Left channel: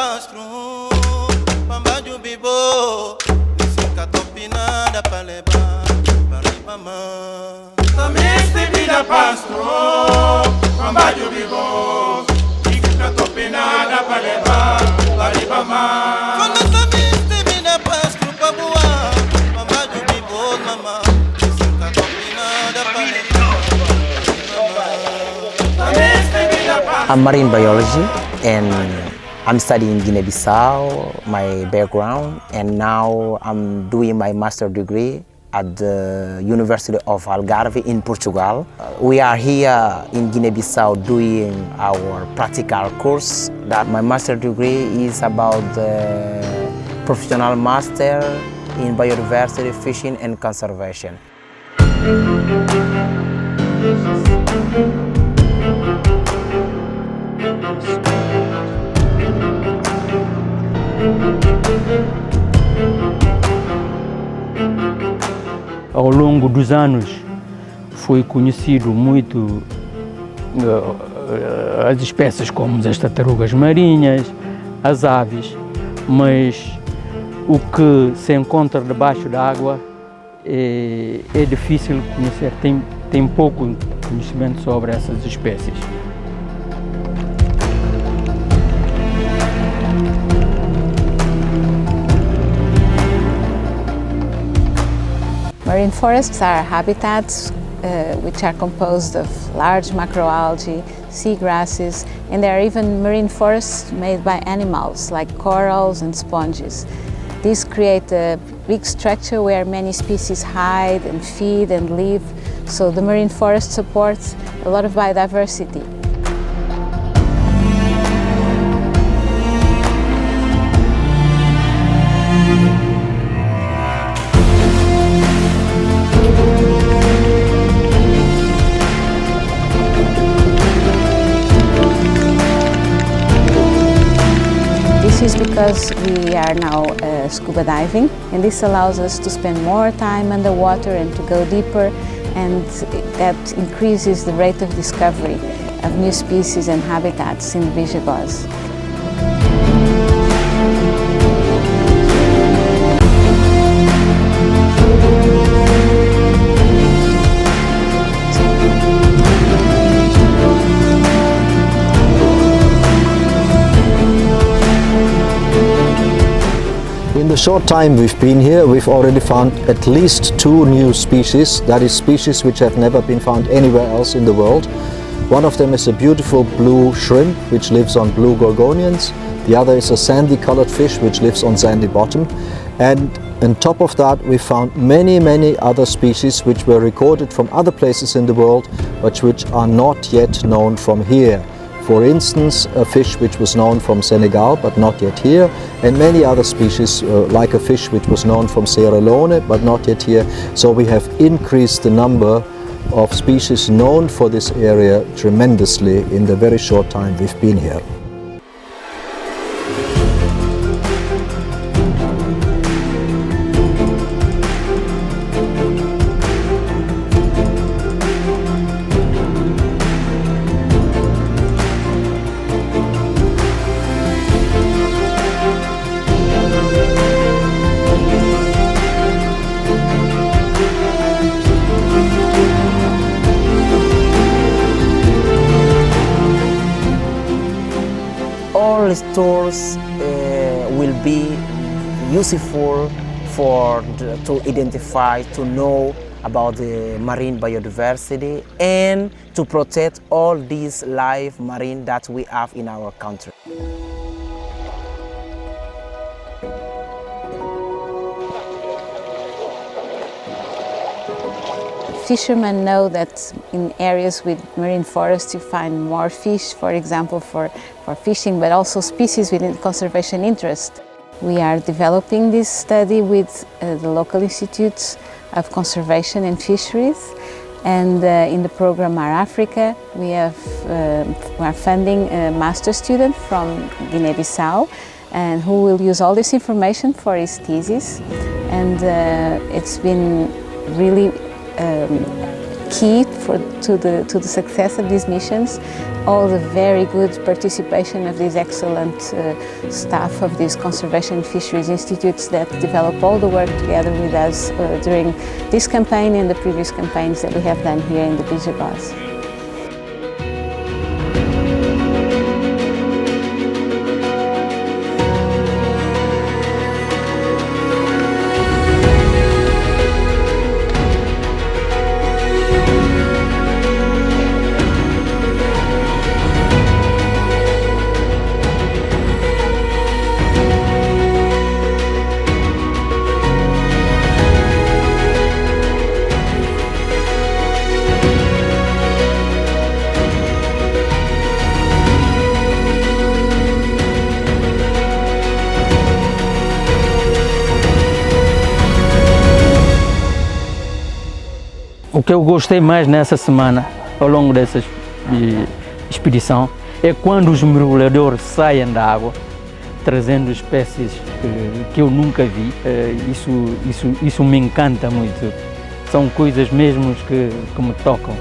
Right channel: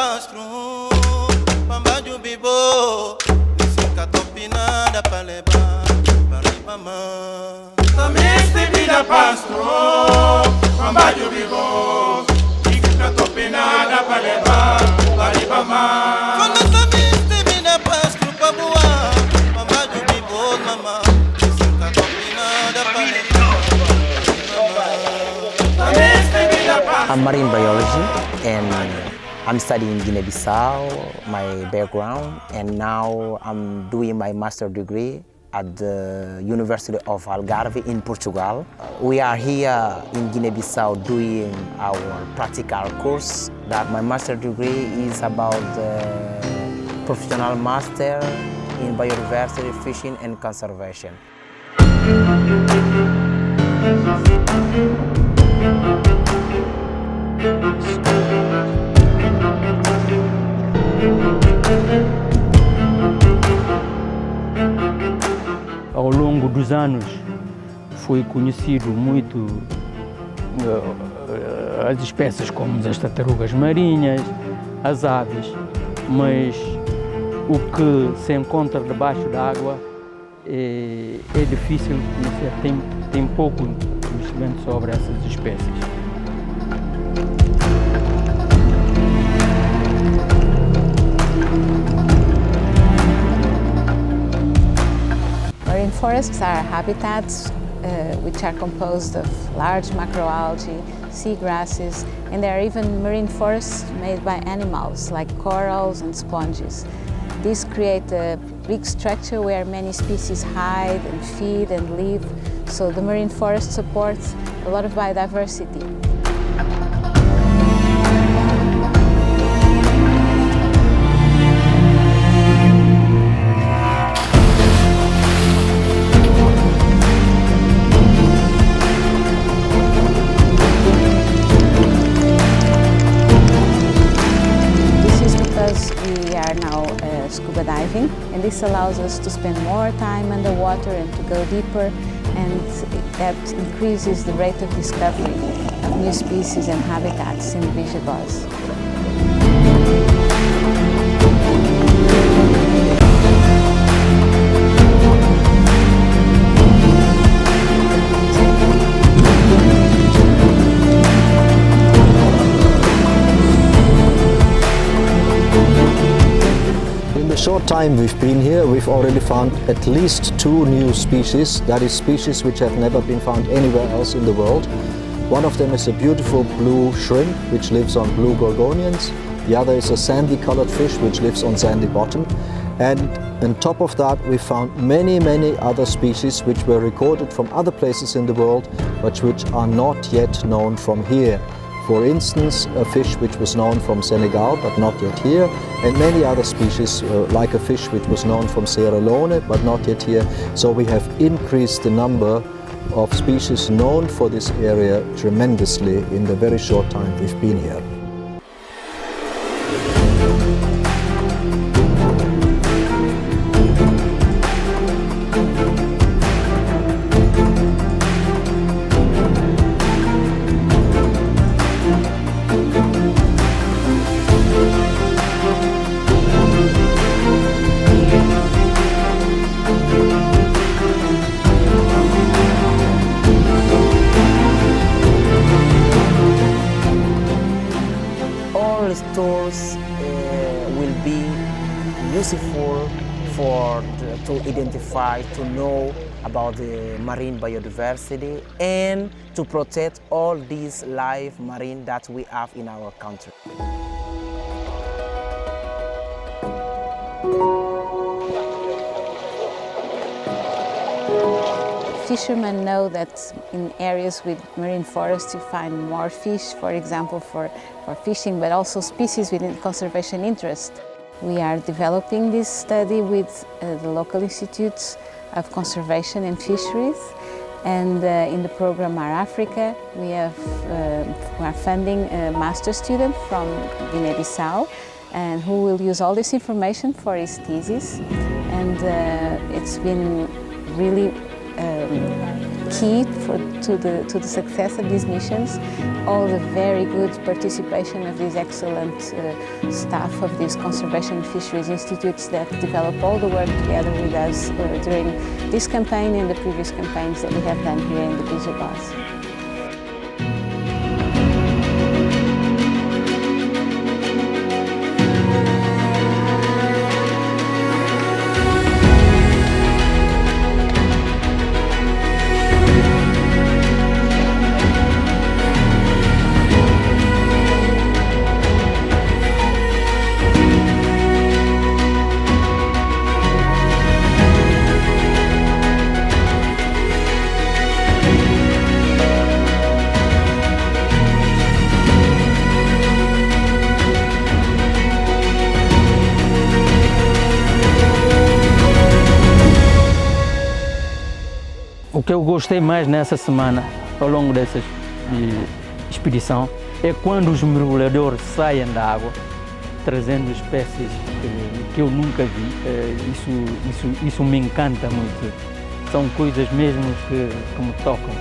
pastro, pambajo bibo, nisika topinada paleba, paribama. Tamiste vida pastro, pambajo bibo, nisika topinada paleba, paribama. Quando tamiste vida pastro, pabua, pambajo bibo, mama, nisika topinada paleba. I'm marine biology and I'm studying Guinea-Bissau, my background, and now I'm doing my master's degree at the University of Algarve in Portugal. We are here in Guinea-Bissau doing our practical course. That my master's degree is about the professional master in biodiversity, fishing and conservation. Ao longo dos anos foi conhecido muito as espécies como as tartarugas marinhas, as aves, mas o que se encontra debaixo d'água é difícil conhecer, tem pouco conhecimento sobre essas espécies. Marine forests are habitats which are composed of large macroalgae, seagrasses, and there are even marine forests made by animals like corals and sponges. These create a big structure where many species hide and feed and live, so the marine forest supports a lot of biodiversity. This is because we are now scuba diving, and this allows us to spend more time underwater and to go deeper, and that increases the rate of discovery of new species and habitats in Bijagós. In the short time we've been here, we've already found at least 2 new species, that is species which have never been found anywhere else in the world. One of them is a beautiful blue shrimp which lives on blue gorgonians. The other is a sandy colored fish which lives on sandy bottom. And on top of that we found many other species which were recorded from other places in the world but which are not yet known from here. For instance, a fish which was known from Senegal but not yet here, and many other species like a fish which was known from Sierra Leone but not yet here. So we have increased the number of species known for this area tremendously in the very short time we've been here. All these tools will be useful to identify, to know about the marine biodiversity and to protect all these live marine that we have in our country. Fishermen know that in areas with marine forests you find more fish, for example, for fishing, but also species with conservation interest. We are developing this study with the local institutes of conservation and fisheries, and in the program Mar Africa we are funding a master student from Guinea-Bissau and who will use all this information for his thesis, and it's been really key to the success of these missions. All the very good participation of these excellent staff of these conservation and fisheries institutes that develop all the work together with us during this campaign and the previous campaigns that we have done here in the Bijagós. O que eu gostei mais nessa semana, ao longo dessa expedição, é quando os mergulhadores saem da água, trazendo espécies que eu nunca vi. Isso me encanta muito. São coisas mesmo que me tocam.